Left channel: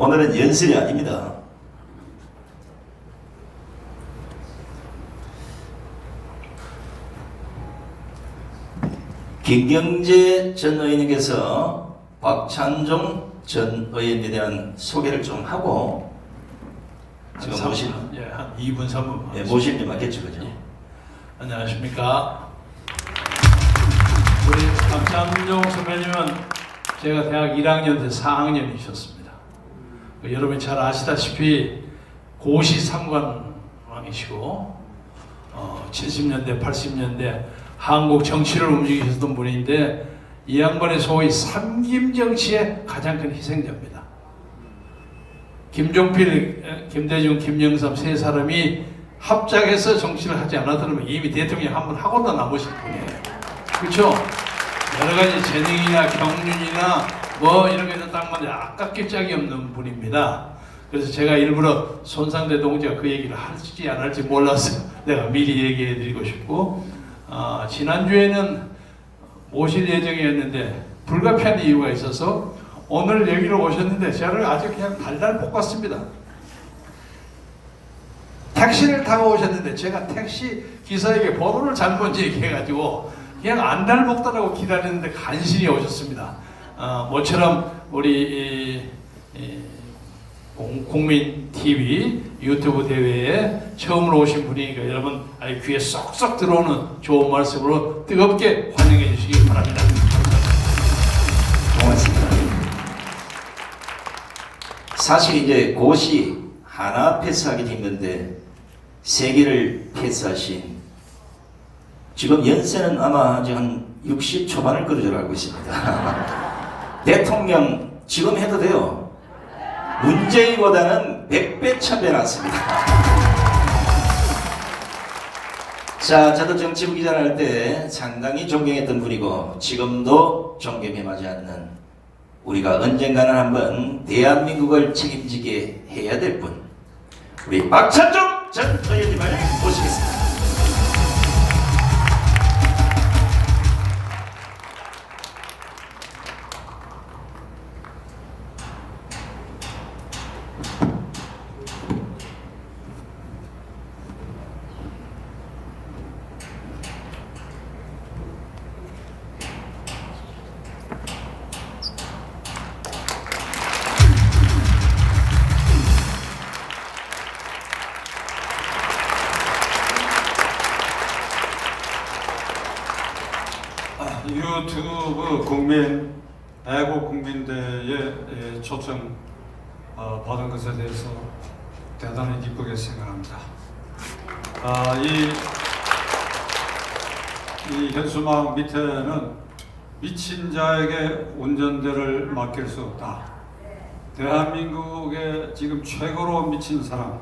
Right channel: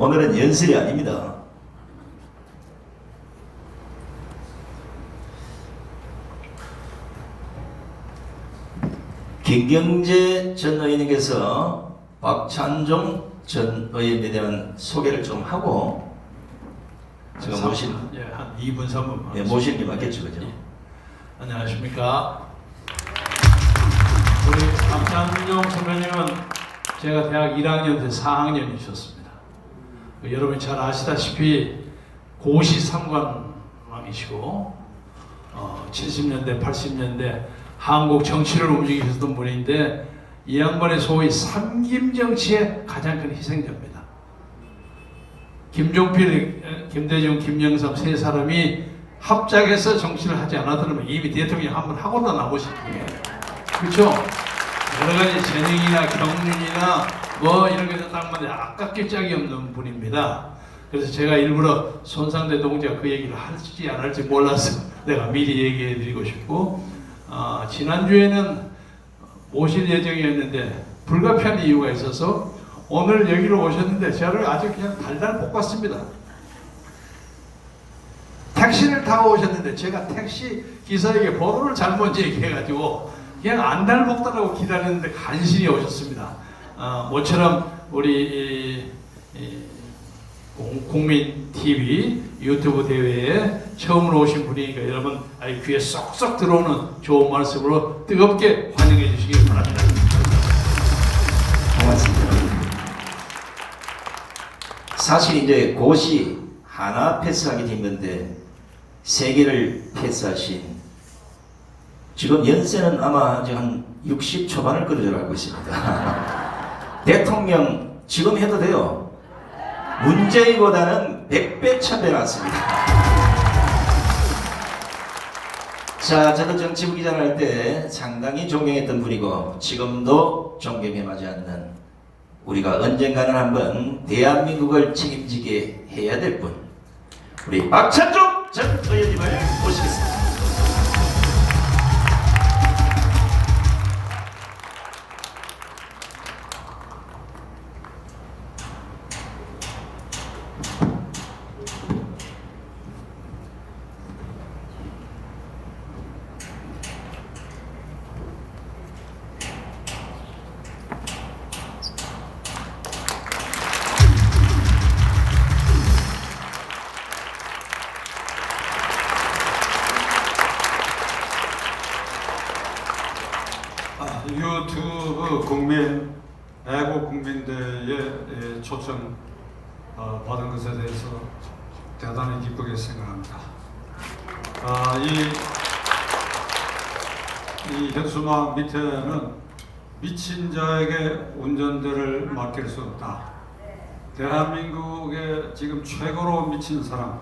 오늘은 연설이 아닙니다. 김경재 전 의원님께서 박찬종 전 의원에 대한 소개를 좀 하고 지금 모신 한 2분 3분 모실 게 맞겠죠, 그죠? 안녕하십니까. 우리 박찬종 선배님은 제가 대학 1학년 때 4학년이셨습니다. 여러분이 잘 아시다시피 고시 삼관왕이시고 70년대 80년대 한국 정치를 움직이셨던 분인데 이 양반의 소위 삼김정치의 가장 큰 희생자입니다. 김종필, 김대중, 김영삼 세 사람이 합작해서 정치를 하지 않았다면 이미 대통령 한 번 하고도 남으신 분이에요. 그렇죠? 여러 가지 재능이나 경륜이나 뭐 이런 거에서 딱 맞아 아깝게 짝이 없는 분입니다. 그래서 제가 일부러 손상대 동지가 그 얘기를 할지 안 할지 몰라서 내가 미리 얘기해 드리고 싶고 지난주에는 모실 예정이었는데 불가피한 이유가 있어서 오늘 여기로 오셨는데 저를 아주 그냥 달달 볶았습니다. 택시를 타고 오셨는데 제가 택시 기사에게 번호를 잘못 얘기해가지고 그냥 안달 먹다라고 기다렸는데 간신히 오셨습니다. 모처럼 우리 국민 TV 유튜브 대회에 처음으로 오신 분이니까 여러분 아주 귀에 쏙쏙 들어오는 좋은 말씀으로 뜨겁게 환영해 주시기 바랍니다. 고맙습니다. 사실 이제 고시 하나 패스하기 힘든데 세 개를 패스하신 지금 연세는 아마 아직 한 60 초반을 그런 줄 알고 있습니다. 대통령 지금 해도 돼요. 문재인보다는 100배 1000배 낫습니다. 자, 저도 정치부 기자를 할 때 상당히 존경했던 분이고 지금도 존경에 맞지 않는 우리가 언젠가는 한번 대한민국을 책임지게 해야 될 분 우리 박찬종 전 의원님을 모시겠습니다. 유튜브 국민 애국 국민대회에 초청 받은 것에 대해서 대단히 기쁘게 생각합니다. 이 현수막 밑에는 미친 자에게 운전대를 맡길 수 없다. 대한민국의 지금 최고로 미친 사람,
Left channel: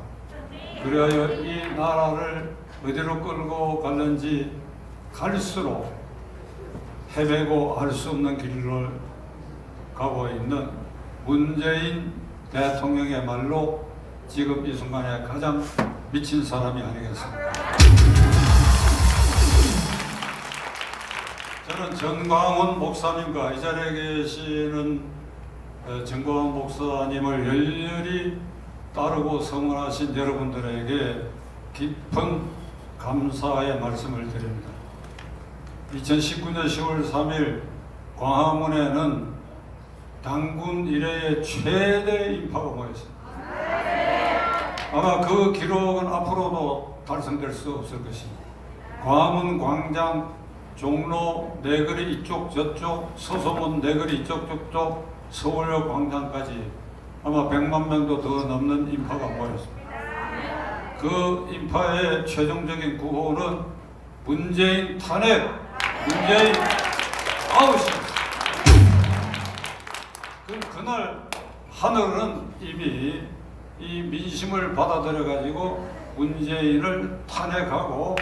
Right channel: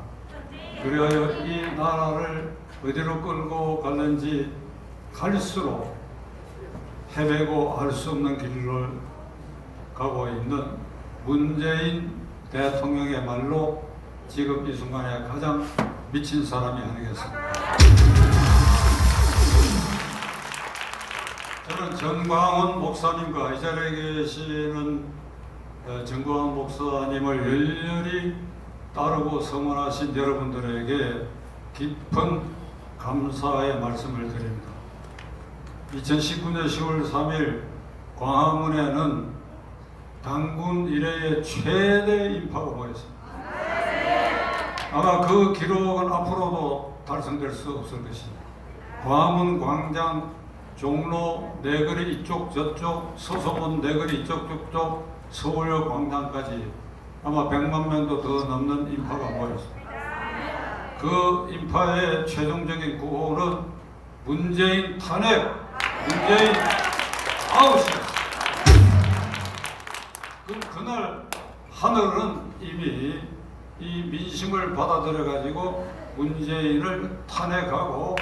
그리하여 이 나라를 어디로 끌고 갈는지 갈수록 헤매고 알 수 없는 길을 가고 있는 문재인 대통령의 말로 지금 이 순간에 가장 미친 사람이 아니겠습니까? 저는 정광훈 목사님과 이 자리에 계시는 정광훈 목사님을 열렬히 따르고 성원하신 여러분들에게 깊은 감사의 말씀을 드립니다. 2019년 10월 3일 광화문에는 당군 이래의 최대 인파가 모였습니다. 아마 그 기록은 앞으로도 달성될 수 없을 것입니다. 광화문 광장, 종로, 내거리 이쪽 저쪽, 서소문 내거리 이쪽 저쪽, 서울역 광장까지 아마 100만 명도 더 넘는 인파가 모였습니다. 그 인파의 최종적인 구호는 문재인 탄핵, 문재인 아웃입니다. 그날 하늘은 이미 이 민심을 받아들여 가지고 문재인을 탄핵하고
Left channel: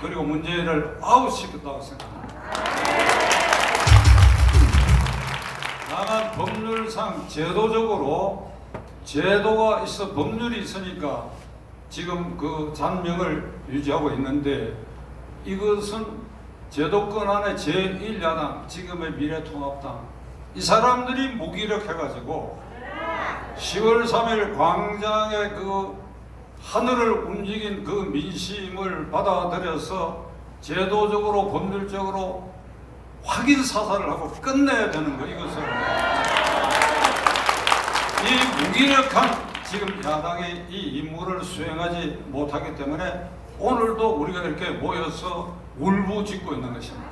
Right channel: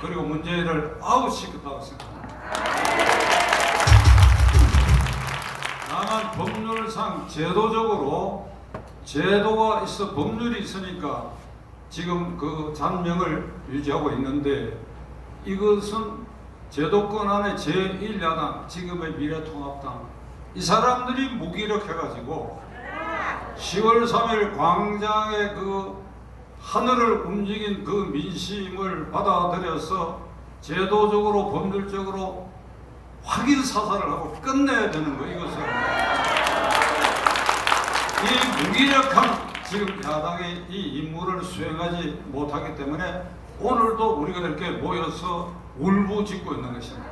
그리고 문재인을 아웃시켰다고 생각합니다. 다만 법률상 제도적으로 제도가 있어 법률이 있으니까 지금 그 잔명을 유지하고 있는데 이것은 제도권 안에 제1야당 지금의 미래통합당 이 사람들이 무기력해가지고 10월 3일 광장의 그 하늘을 움직인 그 민심을 받아들여서 제도적으로 본질적으로 확인 사살을 하고 끝내야 되는 거 이것을 이 무기력한 지금 야당이 이 임무를 수행하지 못하기 때문에 오늘도 우리가 이렇게 모여서 울부짖고 있는 것입니다.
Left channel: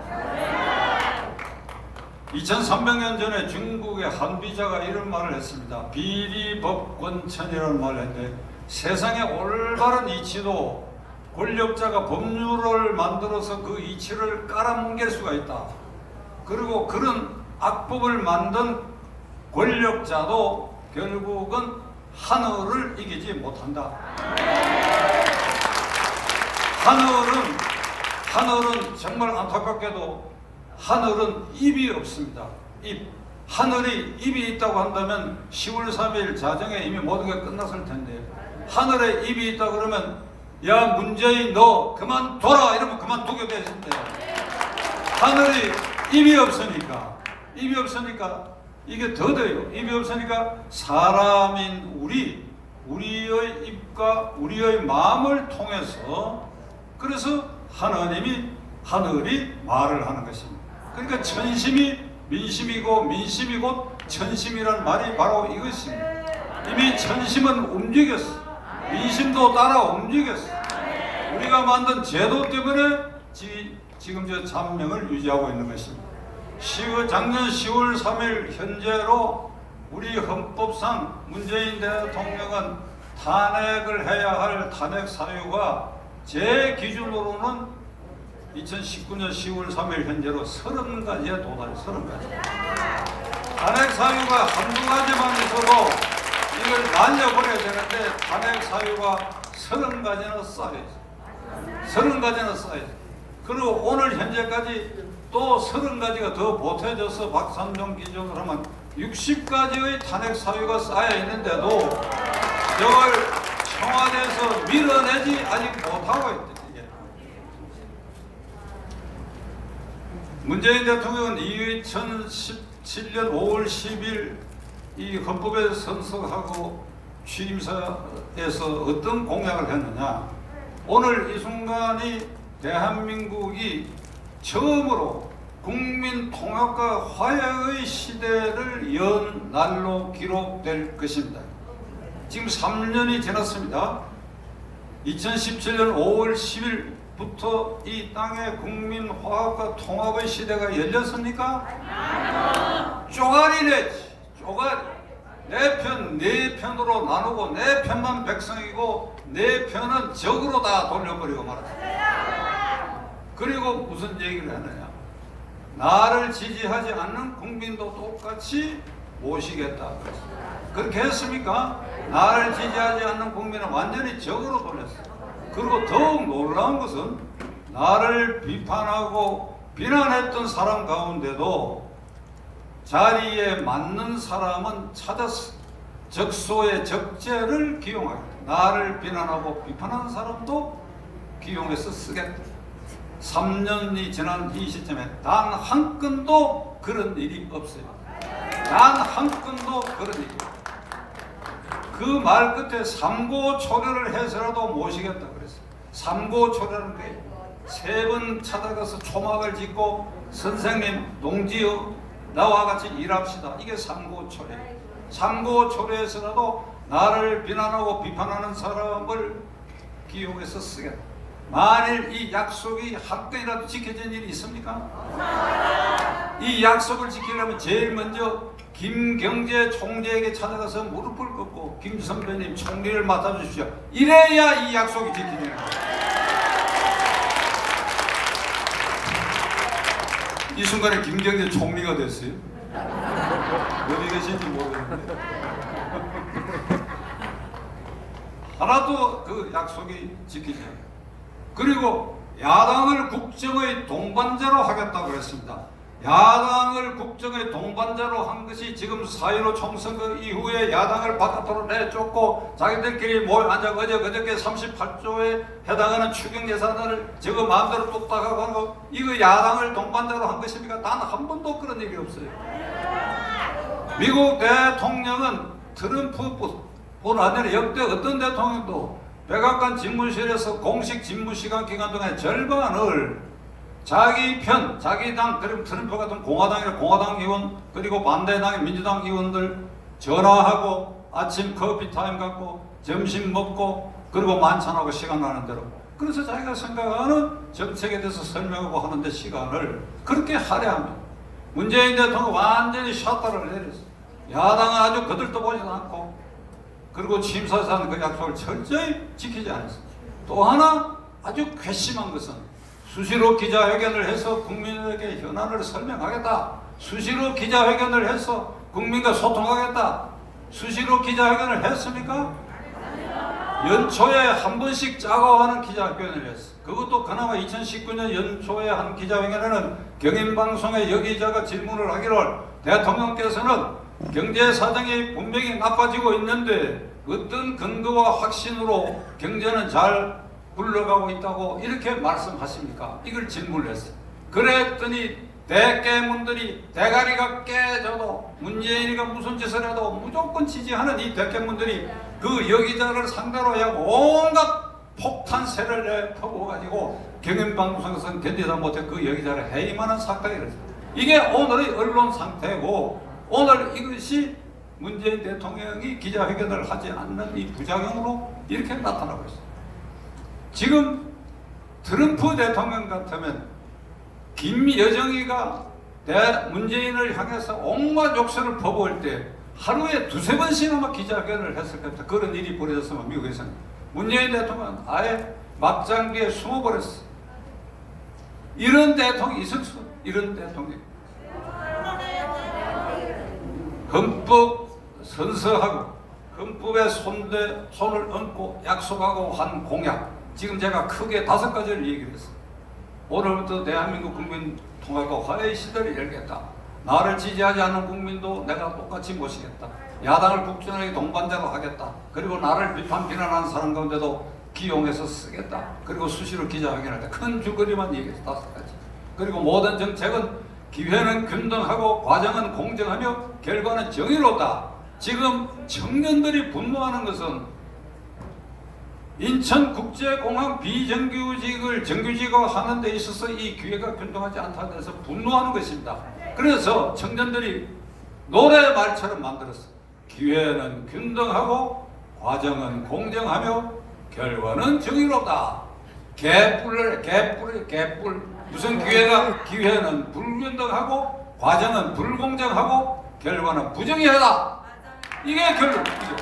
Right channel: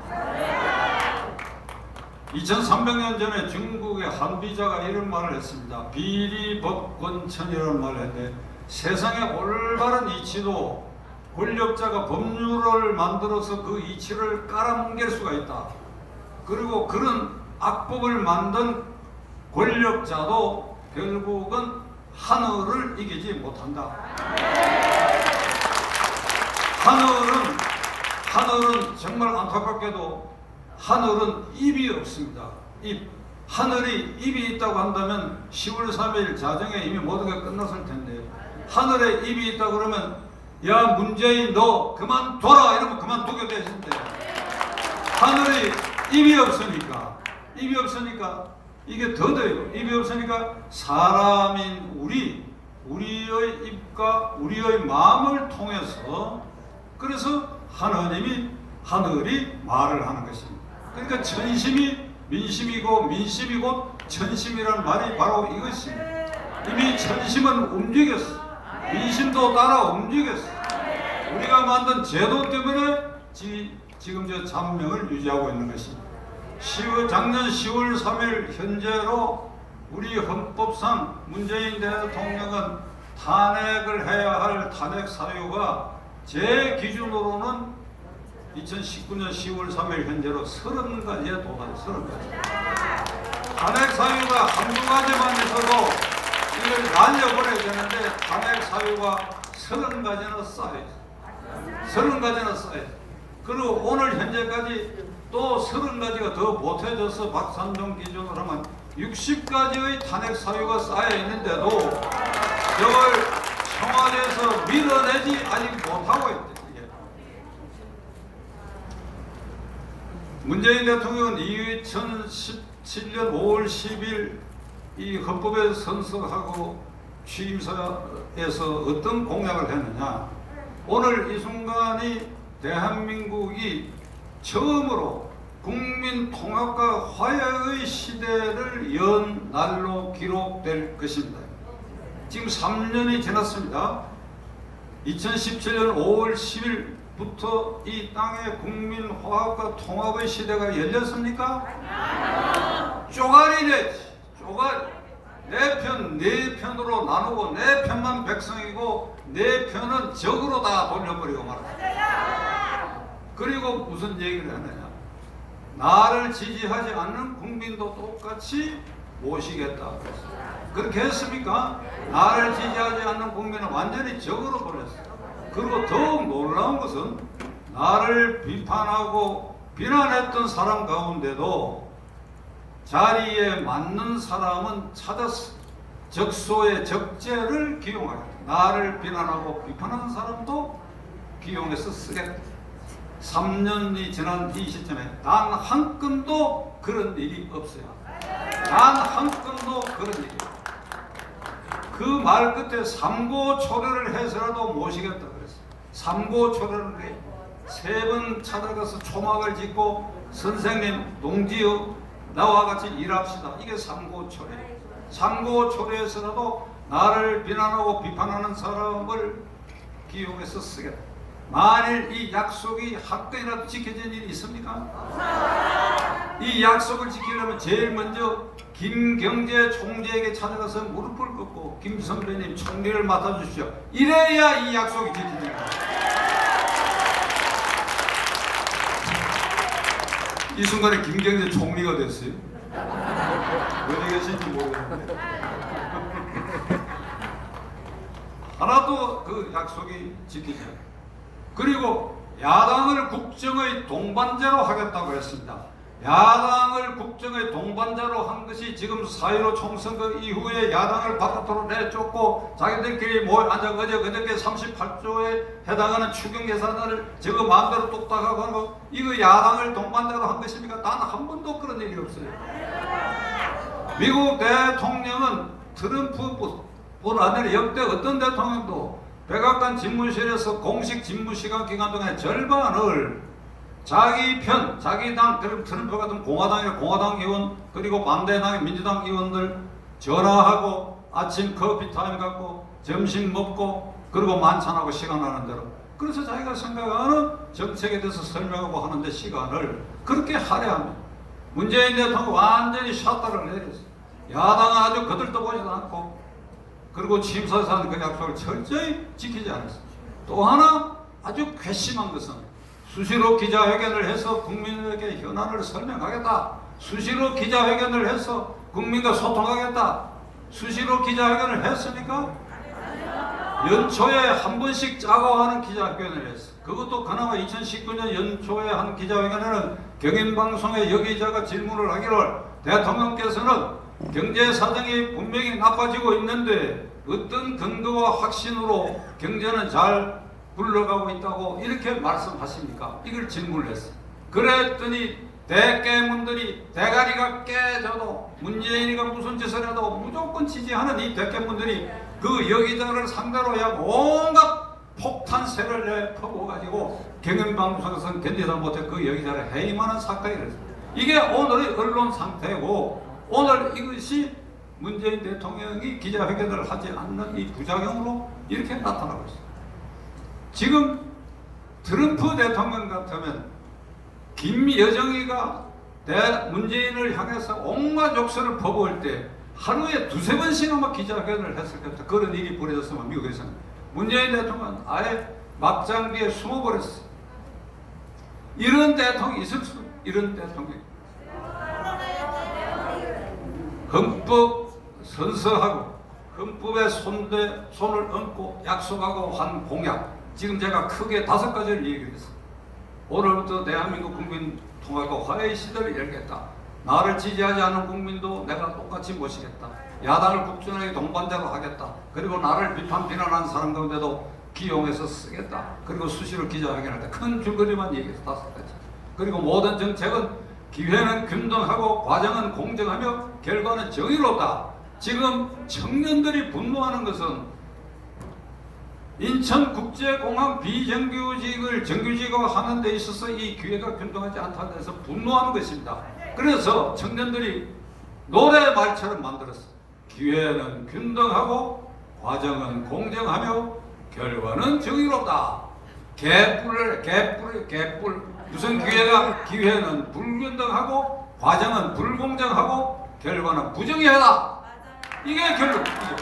2300년 전에 중국의 한비자가 이런 말을 했습니다. 비리법권천이라는 말을 했는데 세상의 올바른 이치도 권력자가 법률을 만들어서 그 이치를 깔아뭉갤 수가 있다. 그리고 그런 악법을 만든 권력자도 결국은 하늘을 이기지 못한다. 하늘은 정말 안타깝게도 하늘은 입이 없습니다. 하늘이 입이 있다고 한다면 10월 3일 자정에 이미 모든 게 끝났을 텐데 하늘에 입이 있다 그러면 야 문재인 너 그만둬라 이러면 그만두게 돼 있는데 하늘이 입이 없으니까 이게 더 돼요. 입이 없으니까 사람인 우리의 입과 우리의 마음을 통해서 그래서 하늘이 말을 하는 것입니다. 그러니까 천심이 민심이고 민심이 곧 천심이라는 말이 바로 이것입니다. 이미 천심은 움직였어. 민심도 따라 움직였어. 우리가 만든 제도 때문에 지금 저 잔명을 유지하고 있는 것입니다. 작년 10월 3일 현재로 우리 헌법상 문재인 대통령은 탄핵을 해야 할 탄핵 사유가 제 기준으로는 2019년 10월 3일 현재로 30가지에 도달해 30가지. 탄핵 사유가 한두 가지만 있어도 이걸 날려버려야 되는데 탄핵 사유가 30가지나 쌓여있어. 30가지나 쌓여있어. 그리고 오늘 현재까지 또 30가지가 더 보태져서 박산종 기준으로 하면 60가지의 탄핵 사유가 쌓여 있는데도 저걸 청와대에서 밀어내지 아직 못하고 있다. 문재인 대통령은 2017년 5월 10일 이 헌법에 선서하고 취임사에서 어떤 공약을 했느냐. 오늘 이 순간이 대한민국이 처음으로 국민 통합과 화해의 시대를 연 날로 기록될 것입니다. 지금 3년이 지났습니다. 2017년 5월 10일부터 이 땅에 국민 화합과 통합의 시대가 열렸습니까? 쪼가리 냈지. 쪼가리. 내 편, 네 편으로 나누고 내 편만 백성이고 내 편은 적으로 다 돌려버리고 말았다. 그리고 무슨 얘기를 하느냐. 나를 지지하지 않는 국민도 똑같이 모시겠다. 그렇게 했습니까? 나를 지지하지 않는 국민은 완전히 적으로 보냈어요. 그리고 더욱 놀라운 것은 나를 비판하고 비난했던 사람 가운데도 자리에 맞는 사람은 찾았어. 적소의 적재를 기용하겠다. 나를 비난하고 비판하는 사람도 기용해서 쓰겠다. 3년이 지난 이 시점에 단 한 건도 그런 일이 없어요. 단 한 건도 그런 일이 없어요. 그 말 끝에 삼고초려를 해서라도 모시겠다 그랬어요. 삼고초려를 해. 3번 찾아가서 초막을 짓고 선생님, 동지여 나와 같이 일합시다. 이게 삼고초려예요. 삼고초려에서라도 나를 비난하고 비판하는 사람을 기용해서 쓰겠다. 만일 이 약속이 한 건이라도 지켜진 일이 있습니까? 이 약속을 지키려면 제일 먼저 김경재 총재에게 찾아가서 무릎을 꿇고 김 선배님 총리를 맡아주십시오. 이래야 이 약속이 지켜집니다. 이 순간에 김경재 총리가 됐어요. 어디 계신지 모르겠는데 하나도 그 약속이 지키지 않아요. 그리고 야당을 국정의 동반자로 하겠다고 했습니다. 야당을 국정의 동반자로 한 것이 지금 4.15 총선거 이후에 야당을 바깥으로 내쫓고 자기들끼리 모여 앉아 그저께 38조에 해당하는 추경 예산을 저거 마음대로 뚝딱하고 한 거 이거 야당을 동반자로 한 것입니까? 단 한 번도 그런 일이 없어요. 미국 대통령은 트럼프뿐 아니라 역대 어떤 대통령도 백악관 집무실에서 공식 집무 시간 기간 동안 절반을 자기 편, 자기 당, 그리고 트럼프 같은 공화당이나 공화당 의원, 그리고 반대당의 민주당 의원들 전화하고 아침 커피 타임 갖고 점심 먹고 그리고 만찬하고 시간 나는 대로, 그래서 자기가 생각하는 정책에 대해서 설명하고 하는데 시간을 그렇게 할애합니다. 문재인 대통령 완전히 샷다를 내렸어요. 야당은 아주 거들떠보지도 않고, 그리고 취임사에서 하는 그 약속을 철저히 지키지 않았습니다. 또 하나 아주 괘씸한 것은 수시로 기자회견을 해서 국민에게 현안을 설명하겠다, 수시로 기자회견을 해서 국민과 소통하겠다. 수시로 기자회견을 했습니까? 연초에 한 번씩 짜고 하는 기자회견을 했어. 그것도 그나마 2019년 연초에 한 기자회견에는 경인방송의 여기자가 질문을 하기를 대통령께서는 경제 사정이 분명히 나빠지고 있는데 어떤 근거와 확신으로 경제는 잘 굴러가고 있다고 이렇게 말씀하십니까? 이걸 질문을 했어요. 그랬더니 대깨문들이 대가리가 깨져도 문재인이가 무슨 짓을 해도 무조건 지지하는 이 대깨문들이 그 여기자를 상대로 약 온갖 폭탄세를 내퍼부어가지고 경연방송에서는 견디지 못해 그 여기자를 해임하는 사건이 일어났어요. 이게 오늘의 언론 상태고, 오늘 이것이 문재인 대통령이 기자회견을 하지 않는 이 부작용으로 이렇게 나타나고 있습니다. 지금 트럼프 대통령 같으면 김여정이가 문재인을 향해서 온갖 욕설을 퍼부을 때 하루에 두세 번씩이나 기자회견을 했을 겁니다. 그런 일이 벌어졌으면 미국에서는. 문재인 대통령은 아예 막장기에 숨어버렸어. 이런 대통령이 있을 수, 이런 대통령. 헌법 선서하고 헌법에 손을 얹고 약속하고 한 공약, 지금 제가 크게 5가지를 얘기를 했어요. 오늘부터 대한민국 국민 통합과 화해의 시대를 열겠다. 나를 지지하지 않는 국민도 내가 똑같이 모시겠다. 야당을 국정의 동반자로 하겠다. 그리고 나를 비난하는 사람 가운데도 기용해서 쓰겠다. 그리고 수시로 기자회견할 때 큰 줄거리만 얘기해서 5가지. 그리고 모든 정책은 기회는 균등하고 과정은 공정하며 결과는 정의롭다. 지금 청년들이 분노하는 것은 인천국제공항 비정규직을 정규직화하는 데 있어서 이 기회가 균등하지 않다는 데서 분노하는 것입니다. 그래서 청년들이 노래 말처럼 만들었어요. 기회는 균등하고 과정은 공정하며 결과는 정의롭다. 개뿔. 무슨 기회는 불균등하고 과정은 불공정하고 결과는 부정의하다. 이게 결론이죠.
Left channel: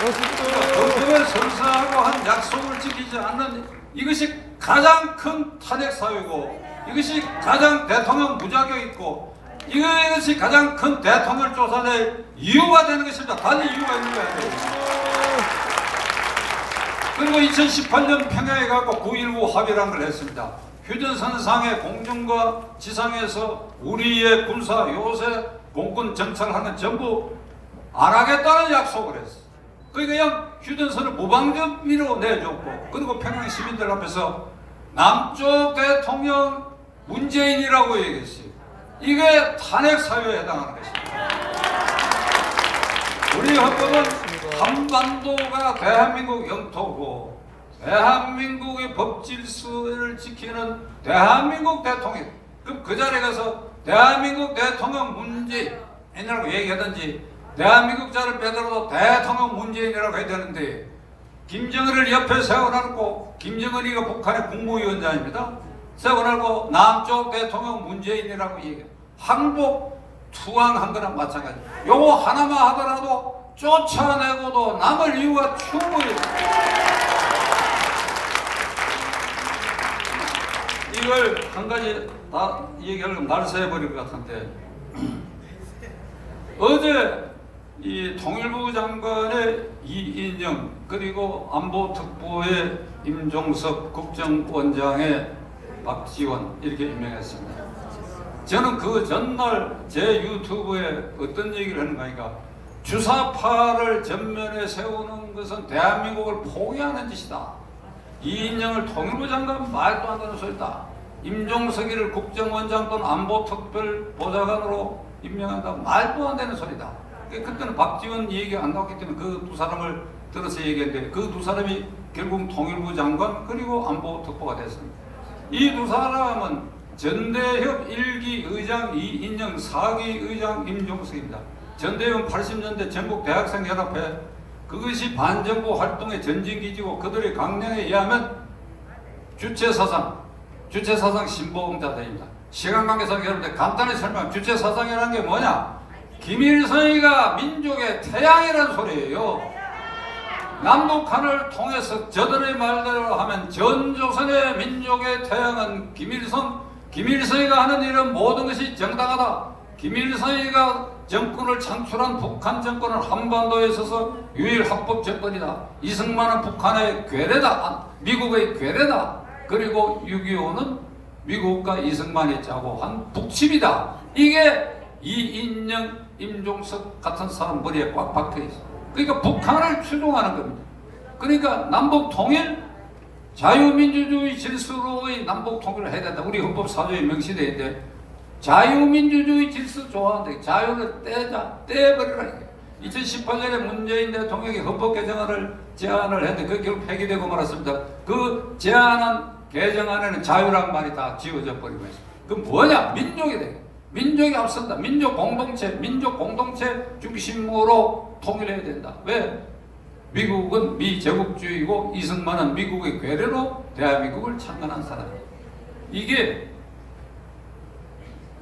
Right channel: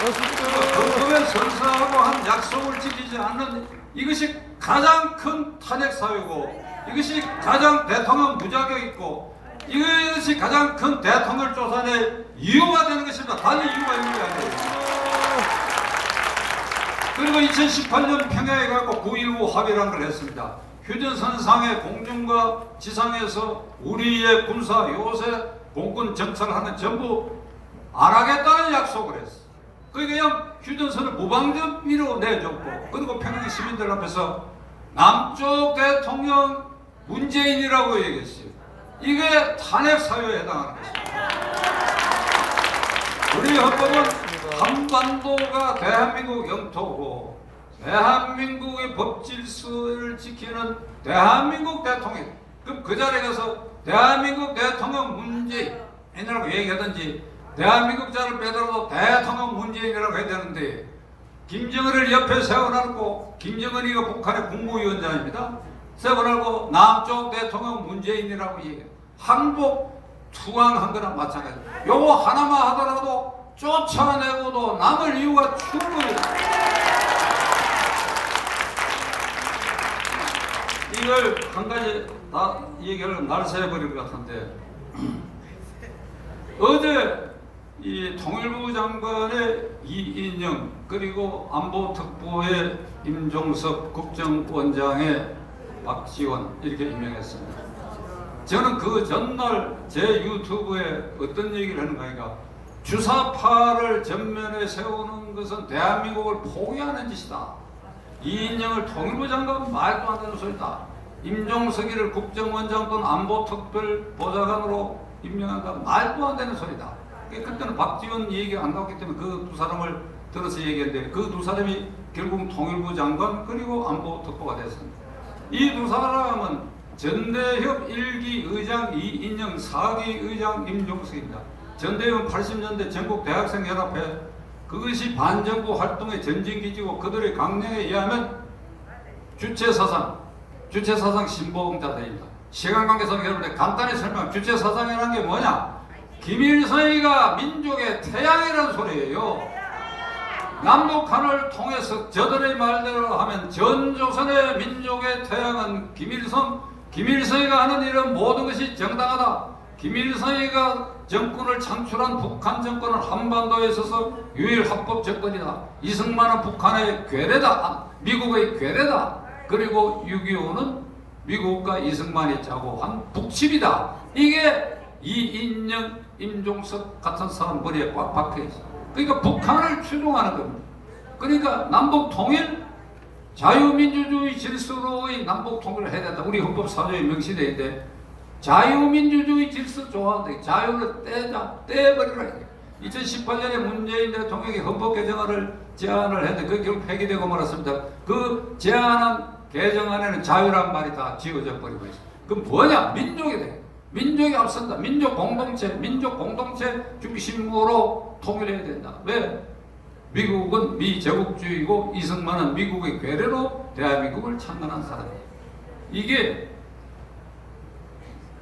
헌법에 선서하고 한 약속을 지키지 않는 이것이 가장 큰 탄핵 사유고, 이것이 가장 대통령 무자격 있고, 이것이 가장 큰 대통령 쫓아낼 이유가 되는 것입니다. 단지 이유가 있는 게 아니에요. 그리고 2018년 평양에 가고 9.19 합의라는 걸 했습니다. 휴전선상의 공중과 지상에서 우리의 군사 요새 공군 정찰하는 전부 안 하겠다는 약속을 했어. 그냥 휴전선을 무방점으로 내줬고, 그리고 평양 시민들 앞에서 남쪽 대통령 문재인이라고 얘기했어요. 이게 탄핵 사유에 해당하는 것입니다. 우리 헌법은 한반도가 대한민국 영토고 대한민국의 법질서를 지키는 대한민국 대통령, 그럼 그 자리에 가서 대한민국 대통령 문재인이라고 얘기하든지 대한민국 자를 빼더라도 대통령 문재인이라고 해야 되는데, 김정은을 옆에 세워놓고, 김정은이가 북한의 국무위원장입니다. 세워놓고 남쪽 대통령 문재인이라고 얘기해요. 항복 투항한 거랑 마찬가지. 요거 하나만 하더라도 쫓아내고도 남을 이유가 충분히. 이걸 한 가지 다 얘기하려면 날 새버릴 것 같은데, 어제 이 통일부 장관의 이인영, 그리고 안보특보의 임종석, 국정원장의 박지원 이렇게 임명했습니다. 저는 그 전날 제 유튜브에 어떤 얘기를 하는가 하니까, 주사파를 전면에 세우는 것은 대한민국을 포기하는 짓이다. 이인영을 통일부 장관 말도 안 되는 소리다. 임종석이를 국정원장 또는 안보특별보좌관으로 임명한다. 말도 안 되는 소리다. 그때는 박지원 얘기가 안 나왔기 때문에 그 두 사람을 들어서 얘기했는데 그 두 사람이 결국 통일부 장관 그리고 안보 특보가 됐습니다. 이 두 사람은 전대협 1기 의장 이인영, 4기 의장 임종석입니다. 전대협은 80년대 전국 대학생 연합회 그것이 반정부 활동의 전진기지고 그들의 강령에 의하면 주체사상 신보응자들입니다. 시간 관계상 여러분들 간단히 설명. 주체사상이라는 게 뭐냐? 김일성이가 민족의 태양이라는 소리예요. 남북한을 통해서 저들의 말대로 하면 전 조선의 민족의 태양은 김일성이가 하는 일은 모든 것이 정당하다. 김일성이가 정권을 창출한 북한 정권은 한반도에 있어서 유일 합법 정권이다. 이승만은 북한의 괴뢰다. 미국의 괴뢰다. 그리고 6.25는 미국과 이승만이 짜고 한 북침이다. 이게 이인영, 임종석 같은 사람 머리에 꽉 박혀 있어. 그러니까 북한을 추종하는 겁니다. 그러니까 남북 통일, 자유민주주의 질서로의 남북 통일을 해야 된다. 우리 헌법 4조에 명시되어 자유민주주의 질서 좋아하는데 자유를 떼버리라. 2018년에 문재인 대통령이 헌법 개정안을 제안을 했는데 그 결국 폐기되고 말았습니다. 그 제안한 개정안에는 자유란 말이 다 지워져 버리고 있어요. 그럼 뭐냐? 민족이 돼. 민족이 앞선다. 민족 공동체 중심으로 통일해야 된다. 왜? 미국은 미제국주의고 이승만은 미국의 괴뢰로 대한민국을 창건한 사람이에요. 이게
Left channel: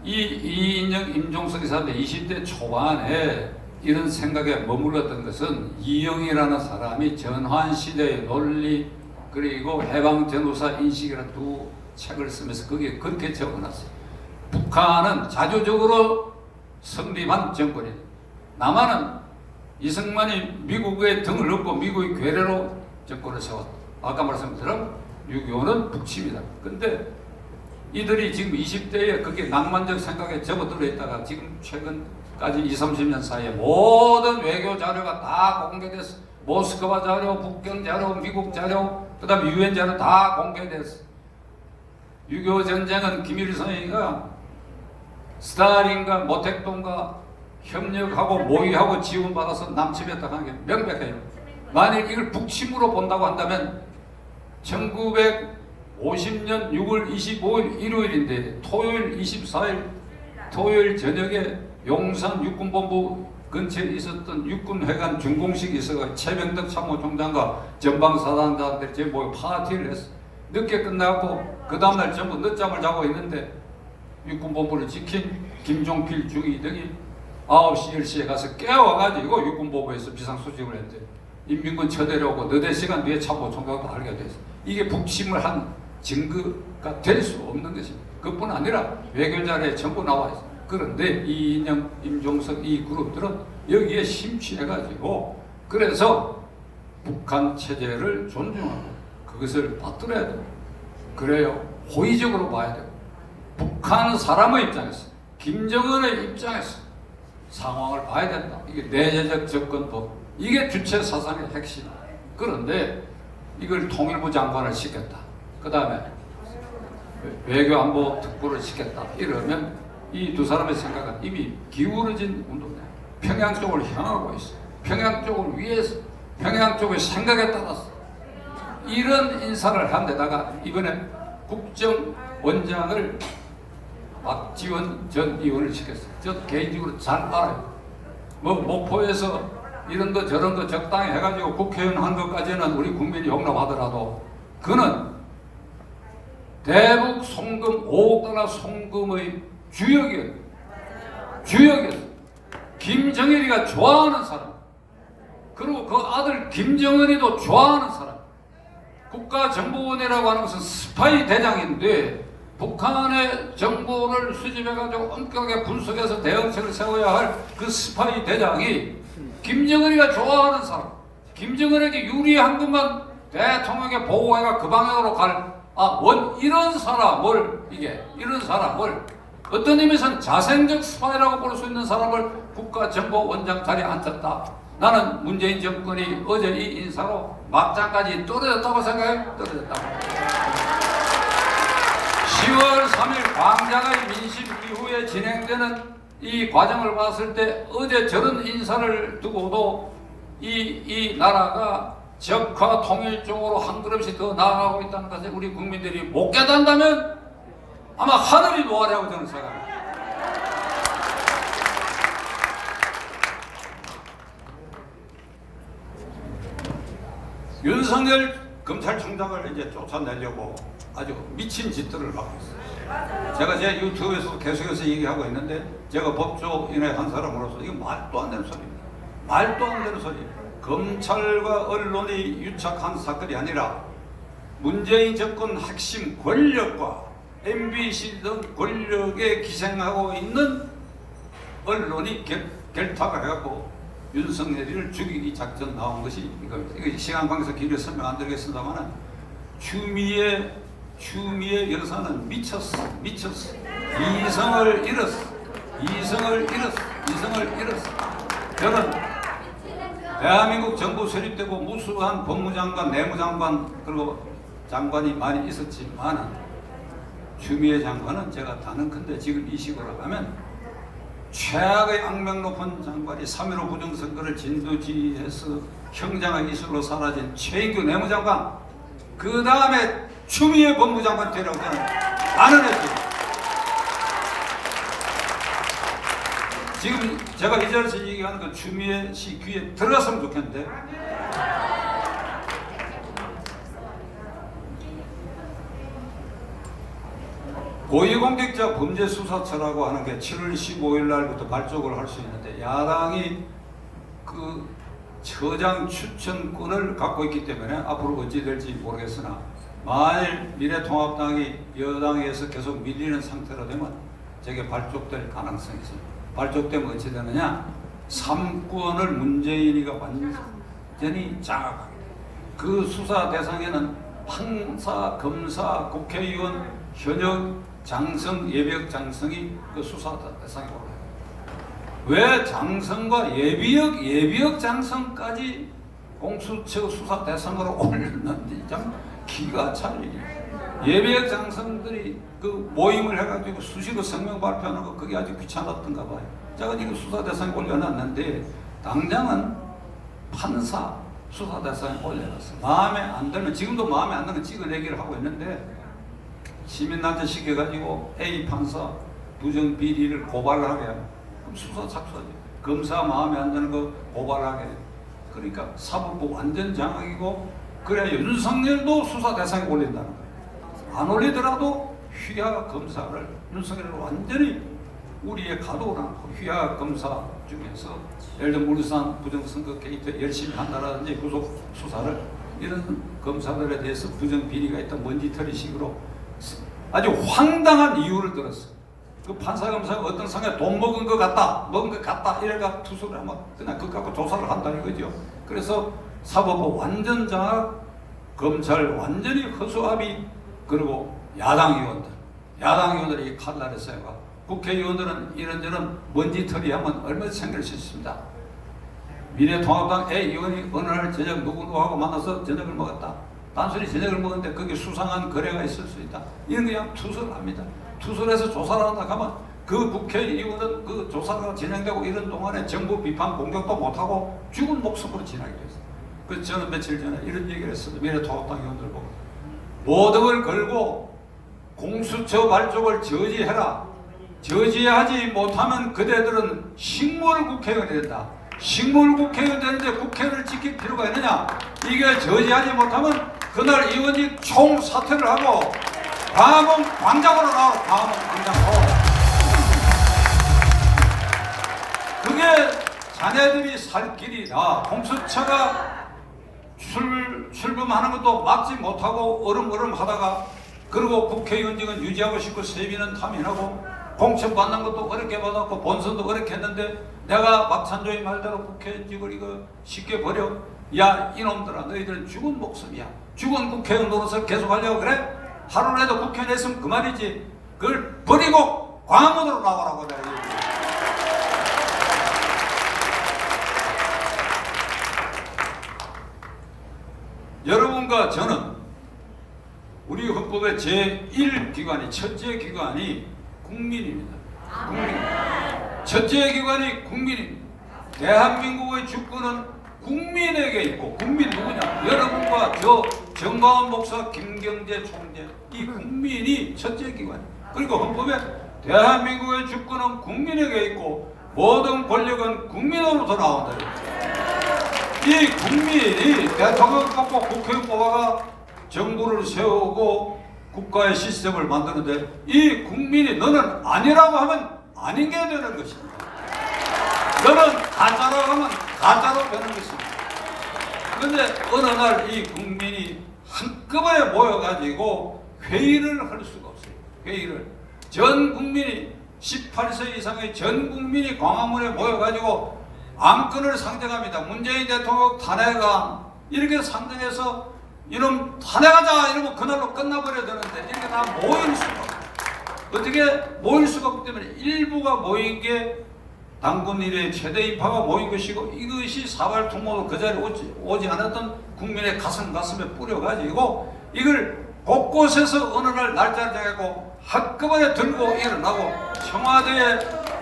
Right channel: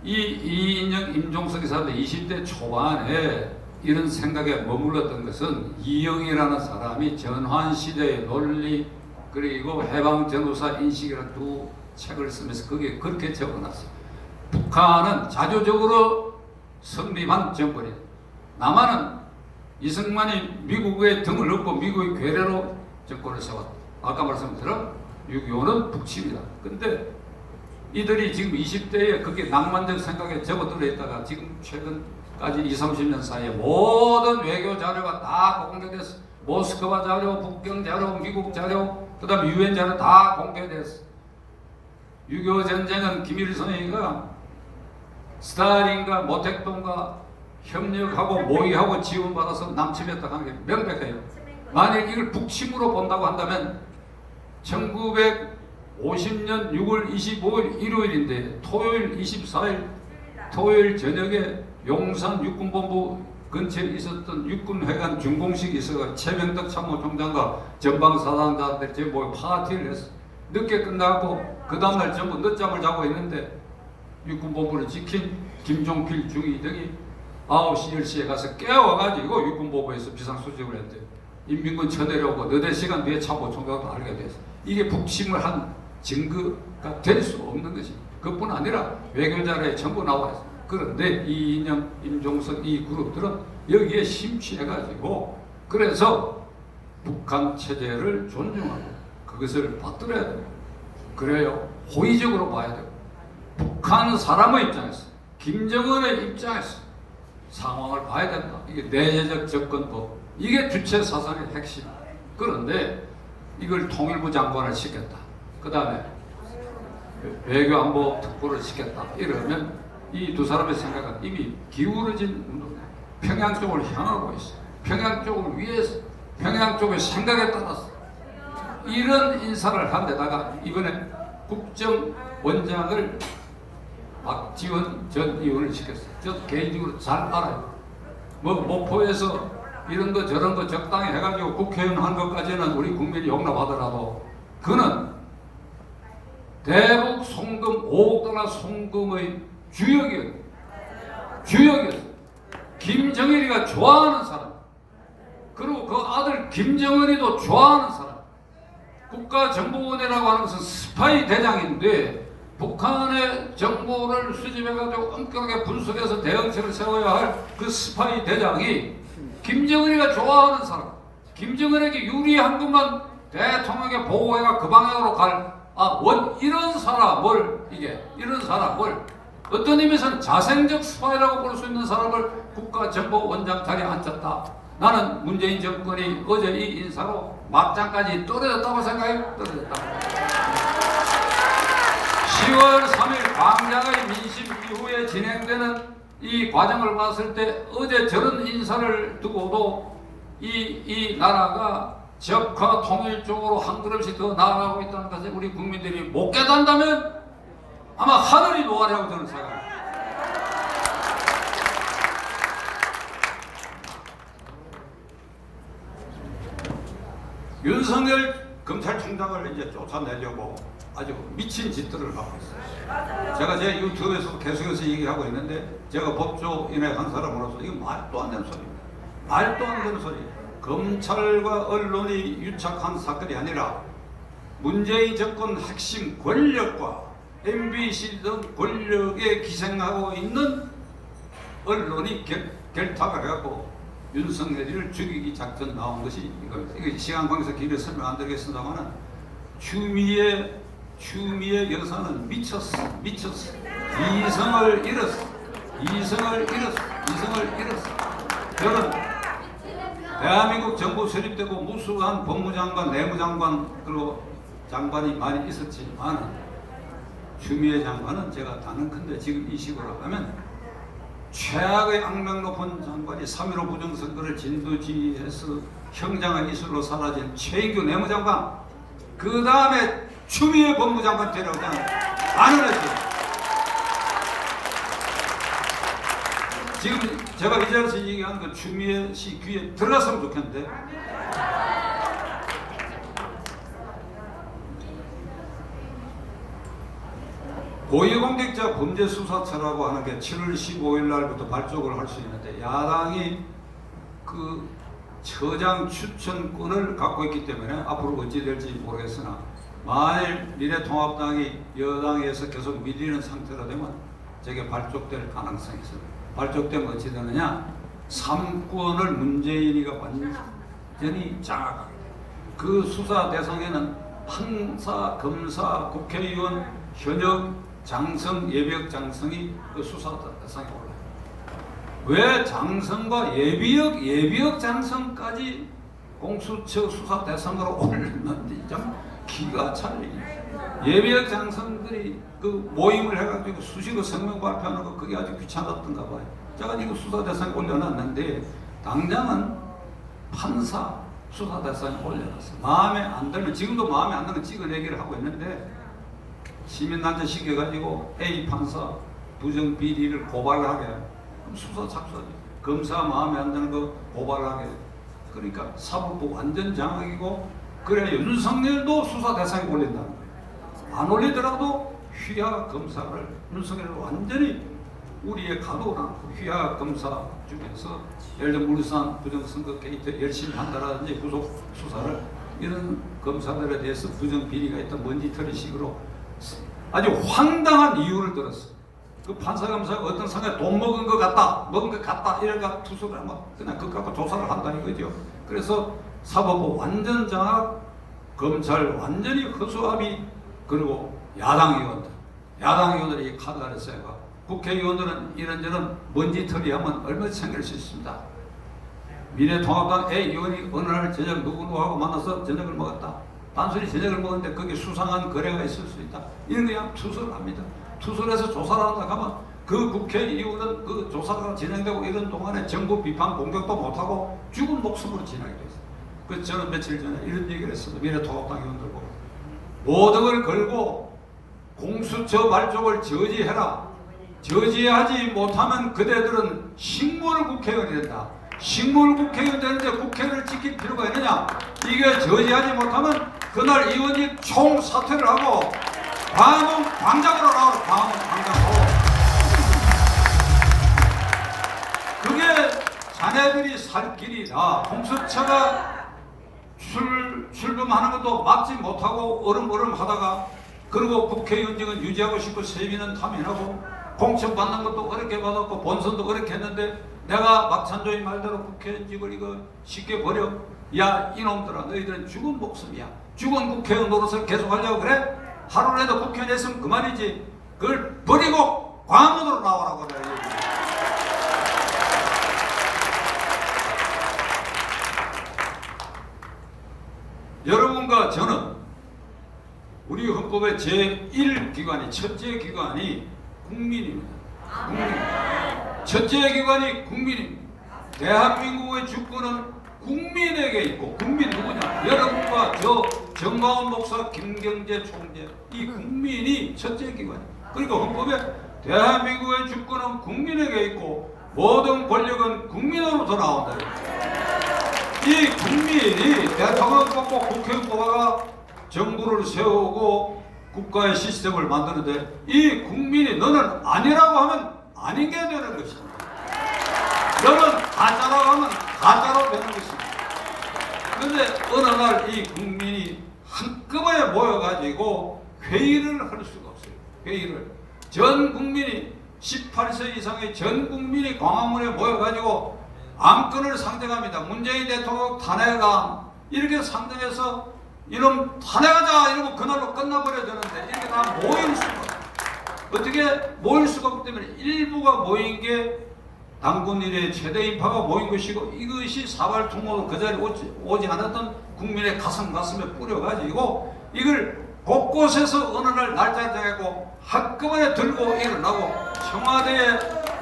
이인영, 임종석이 사람들 20대 초반에 이런 생각에 머물렀던 것은 이영이라는 사람이 전환시대의 논리 그리고 해방전후사 인식이라는 두 책을 쓰면서 거기에 겉에 적어놨어요. 북한은 자주적으로 성립한 정권이다. 남한은 이승만이 미국의 등을 얻고 미국의 괴뢰로 정권을 세웠다. 아까 말씀드린 것처럼 6.25는 북침이다. 근데 이들이 지금 20대에 그렇게 낭만적 생각에 접어들어 있다가 지금 최근까지 20-30년 사이에 모든 외교 자료가 다 공개됐어. 모스크바 자료, 북경 자료, 미국 자료, 그 다음에 유엔 자료 다 공개됐어. 6.25 전쟁은 김일성이가 스탈린과 모택동과 협력하고 모의하고 지원받아서 남침했다고 하는 게 명백해요. 만일 이걸 북침으로 본다고 한다면 1950년 6월 25일 일요일인데 토요일 24일 토요일 저녁에 용산 육군본부 근처에 있었던 육군회관 준공식이 있어서 최병덕 참모총장과 전방사단장들 제 모여 파티를 했어. 늦게 끝나고 그 다음날 전부 늦잠을 자고 있는데 육군본부를 지킨 김종필 중위등이 9시 10시에 가서 깨워가지고 육군본부에서 비상수집을 했대. 인민군 쳐내려오고 너댓 시간 뒤에 참모총장도 알게 됐어. 이게 북침을 한 증거가 될 수 없는 것입니다. 그뿐 아니라 외교자료에 전부 나와 있어. 그런데 이인영, 임종석 이 그룹들은 여기에 심취해가지고 그래서 북한 체제를 존중하고 그것을 받들어야 돼요. 그래요. 호의적으로 봐야 돼요. 북한 사람의 입장에서 김정은의 입장에서 상황을 봐야 된다. 이게 내재적 접근법. 이게 주체 사상의 핵심. 그런데 이걸 통일부 장관을 시켰다. 그 다음에 외교안보 특보를 시켰다. 이러면 이 두 사람의 생각은 이미 기울어진 운동이야. 평양 쪽을 향하고 있어. 평양 쪽을 위해서, 평양 쪽의 생각에 따라서 이런 인사를 한 데다가 이번에 국정원장을 박지원 전 의원을 시켰어요. 저 개인적으로 잘 알아요. 뭐 목포에서 이런 거 저런 거 적당히 해가지고 국회의원 한 것까지는 우리 국민이 용납하더라도 그는 대북 송금 5억 달러 송금의 주역이었어요. 김정일이가 좋아하는 사람. 그리고 그 아들 김정은이도 좋아하는 사람. 국가정보원이라고 하는 것은 스파이 대장인데 북한의 정보를 수집해가지고 엄격하게 분석해서 대응책을 세워야 할 그 스파이 대장이 김정은이가 좋아하는 사람. 김정은에게 유리한 것만 대통령의 보고해가 그 방향으로 이런 사람을 이런 사람을 어떤 의미에서는 자생적 스파이라고 볼 수 있는 사람을 국가정보원장 자리에 앉혔다. 나는 문재인 정권이 어제 이 인사로 막장까지 떨어졌다고 생각해요. 떨어졌다고. 10월 3일 광장의 민심 이후에 진행되는 이 과정을 봤을 때 어제 저런 인사를 두고도 이 나라가 적화 통일 쪽으로 한 걸음씩 더 나아가고 있다는 것을 우리 국민들이 못 깨닫는다면 아마 하늘이 노하리라고 저는 생각합니다. 윤석열 검찰총장을 이제 쫓아내려고 아주 미친 짓들을 하고 있어요. 제가 제 유튜브에서 계속해서 얘기하고 있는데 제가 법조인의 한 사람으로서 이거 말도 안 되는 소리입니다. 말도 안 되는 소리. 검찰과 언론이 유착한 사건이 아니라 문재인 정권 핵심 권력과 MBC 등 권력에 기생하고 있는 언론이 결탁을 해갖고 윤석열이를 죽이기 작전 나온 것이 이겁니다. 이거 시간 관계에서 길게 설명 안 드리겠습니다만 추미애 여사는 미쳤어. 이성을 잃었어. 저는 대한민국 정부 설립되고 무수한 법무장관, 내무장관 그리고 장관이 많이 있었지만 추미애 장관은 제가 다는컨대 지금 이 식으로 하면 최악의 악명 높은 장관이 3.15 부정선거를 진두지휘해서 형장의 이슬로 사라진 최인규 내무장관, 그 다음에 추미애 법무장관 되라고 저는 안언했어요. 지금 제가 이 자리에서 얘기하는 건 추미애 씨 귀에 들어갔으면 좋겠는데 고위공직자 범죄수사처라고 하는 게 7월 15일 날부터 발족을 할 수 있는데 야당이 그 처장 추천권을 갖고 있기 때문에 앞으로 어찌 될지 모르겠으나 만일 미래통합당이 여당에서 계속 밀리는 상태로 되면 저게 발족될 가능성이 있습니다. 발족되면 어찌 되느냐? 3권을 문재인이가 완전히 장악하게 됩니다. 그 수사 대상에는 판사, 검사, 국회의원, 현역, 장성, 예비역 장성이 그 수사 대상에 올라요. 왜 장성과 예비역 장성까지 공수처 수사 대상으로 올렸는지 참 기가 찰리니. 예비역 장성들이 그 모임을 해가지고 수시로 성명 발표하는 거 그게 아주 귀찮았던가 봐요. 제가 이거 수사 대상에 올려놨는데 당장은 판사 수사 대상에 올려놨어. 마음에 안 들면 지금도 마음에 안 들면 찍어내기를 하고 있는데 시민단체 시켜가지고 A 판사 부정 비리를 고발하게 그럼 수사 착수하죠. 검사 마음에 안 드는 거 고발하게. 그러니까 사법부 완전 장악이고 그래야 윤석열도 수사 대상에 올린다는 거예요. 안 올리더라도 휘하 검사를 윤석열을 완전히 우리의 가도를 않고 휘하 검사 중에서 예를 들어 울산 부정선거 게이트 열심히 한다라든지 구속 수사를 이런 검사들에 대해서 부정 비리가 있다 먼지털이식으로 아주 황당한 이유를 들었어. 그 판사 검사가 어떤 상황에 돈 먹은 것 같다 이래가 투소를 하면 그냥 그거 갖고 조사를 한다는 거죠. 그래서 사법부 완전 장악, 검찰 완전히 허수아비, 그리고 야당 의원들이 칼날을 쐬가 국회의원들은 이런저런 먼지털이 하면 얼마든지 챙길 수 있습니다. 미래통합당 A 의원이 어느 날 저녁 누구하고 만나서 저녁을 먹었다. 단순히 저녁을 먹었는데 거기 수상한 거래가 있을 수 있다. 이런 거 그냥 투설을 합니다. 투설해서 조사를 한다 하면 그 국회의원은 그 조사가 진행되고 이런 동안에 정부 비판 공격도 못하고 죽은 목숨으로 지나게 됐어요. 그래서 저는 며칠 전에 이런 얘기를 했습니다. 미래통합당 의원들 보고 모독을 걸고 공수처 발족을 저지해라. 저지하지 못하면 그대들은 식물 국회의원이 된다. 식물 국회의원 되는데 국회를 지킬 필요가 있느냐? 이게 저지하지 못하면 그날 의원이 총사퇴를 하고 광화문 광장으로 나오라. 광화문 광장으로. 그게 자네들이 살 길이다. 공수처가 출범하는 것도 막지 못하고 얼음얼음 하다가 그리고 국회의원직은 유지하고 싶고 세비는 탐인하고 공천 받는 것도 어렵게 받았고 본선도 어렵게 했는데 내가 박찬조의 말대로 국회의원직을 이거 쉽게 버려. 야 이놈들아 너희들은 죽은 목숨이야. 죽은 국회의원 노릇을 계속하려고 그래? 하루라도 국회의원 했으면 그만이지. 그걸 버리고 광화문으로 나오라고 그래. 여러분과 저는 우리 헌법의 제1기관이 첫째 기관이 국민입니다. 국민. 첫째 기관이 국민입니다. 대한민국의 주권은 국민에게 있고, 국민 누구냐? 여러분과 저 정광훈 목사, 김경재 총재, 이 국민이 첫째 기관입니다. 그러니까 헌법에 대한민국의 주권은 국민에게 있고 모든 권력은 국민으로부터 나온다. 이 국민이 대통령 뽑고 국회의원 뽑아가 정부를 세우고 국가의 시스템을 만드는데, 이 국민이 너는 아니라고 하면 아닌 게 되는 것입니다. 너는 가짜라고 하면 가짜로 되는 것입니다. 그런데 어느 날 이 국민이 한꺼번에 모여가지고 회의를 할 수가 없어요. 회의를. 전 국민이 18세 이상의 전 국민이 광화문에 모여가지고 안건을 상정합니다. 문재인 대통령 탄핵안 이렇게 상정해서 이놈 탄핵하자 이러면 그날로 끝나버려야 되는데 이렇게 다 모일 수가 없어요. 어떻게 모일 수가 없기 때문에 일부가 모인 게 당군 이래 최대 인파가 모인 것이고, 이것이 사발 통로로 그 자리에 오지 않았던 국민의 가슴에 뿌려가지고 이걸 곳곳에서 어느 날 날짜를 정하고 한꺼번에 들고 일어나고 청와대에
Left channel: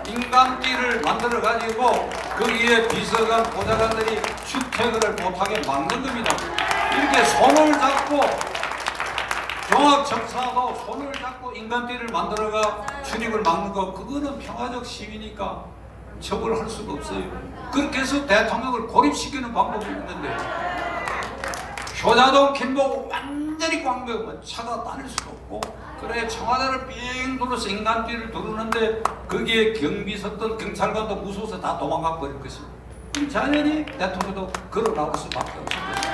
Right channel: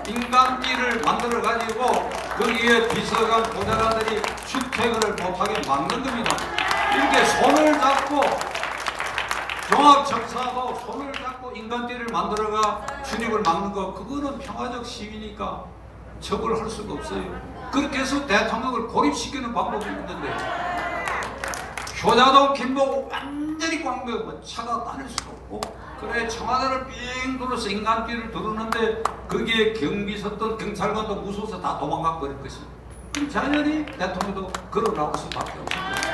인간띠를 만들어 가지고 거기에 비서관 보좌관들이 출퇴근을 못하게 막는 겁니다. 이렇게 손을 잡고 종합청사도 손을 잡고 인간띠를 만들어가 출입을 막는 거, 그거는 평화적 시위니까 처벌할 수가 없어요. 그렇게 해서 대통령을 고립시키는 방법이 있는데, 효자동 김포 완전히 꽝벽 차가 다닐 수도 없고, 그래 청와대를 빙 둘러서 인간띠를 두르는데 거기에 경비 섰던 경찰관도 무서워서 다 도망가 버릴 것입니다. 그럼 자연히 대통령도 걸어 나올 수밖에 없습니다.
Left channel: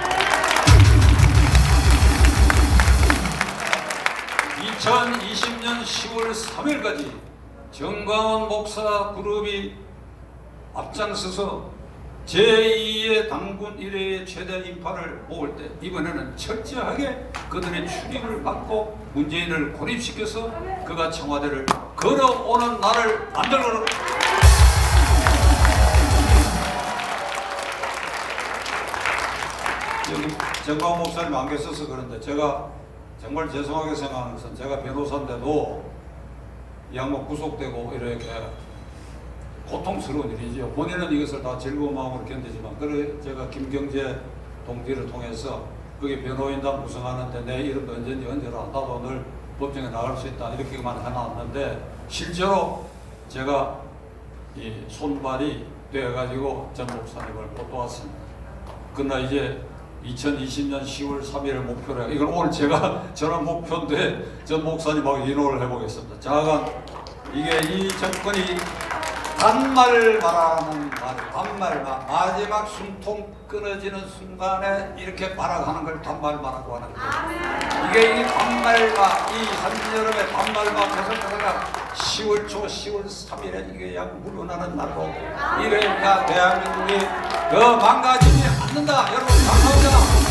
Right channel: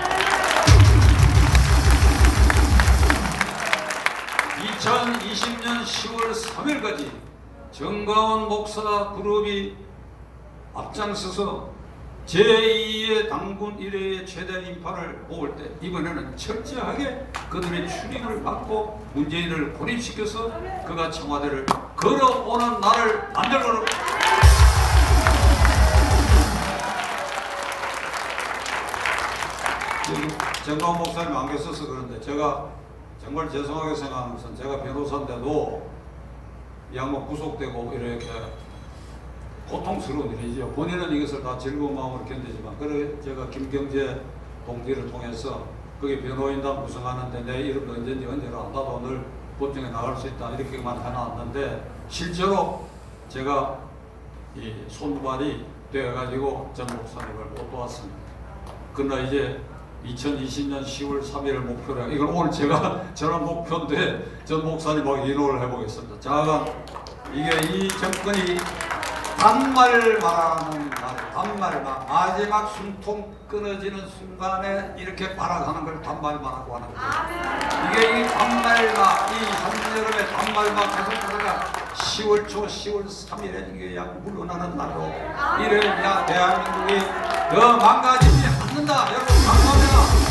2020년 10월 3일까지 정광훈 목사 그룹이 앞장서서 제2의 당군 이래의 최대 인파를 모을 때, 이번에는 철저하게 그들의 출입을 막고 문재인을 고립시켜서 그가 청와대를 걸어오는 날을 만들어. 정광훈 목사님 안 계셔서 그런데 제가 정말 죄송하게 생각하는 것은, 제가 변호사인데도 이 양반 구속되고 이렇게 고통스러운 일이죠. 본인은 이것을 다 즐거운 마음으로 견디지만, 그래 제가 김경재 동기를 통해서 거기 변호인단 구성하는데 내 이름도 언제니 언제로 나도 늘 법정에 나갈 수 있다 이렇게만 해놨는데, 실제로 제가 이 손발이 되어가지고 전 목사님을 못 도왔습니다. 그러나 이제 2020년 10월 3일을 목표로 이건 오늘 제가 저런 목표인데 전 목사님하고 인호를 해보겠습니다. 자가 이게 이 정권이 반말 말하는 말, 반말만 마지막 숨통 끊어지는 순간에 이렇게 발악하는 걸 반말말하고 하는 거예요. 이게 이 반말과 이 한여름의 반말과 계속하다가 10월 초 10월 3일에 이게 약 물러나는 날로 이래야 대한민국이 더 망가지지 않는다. 여러분 감사합니다.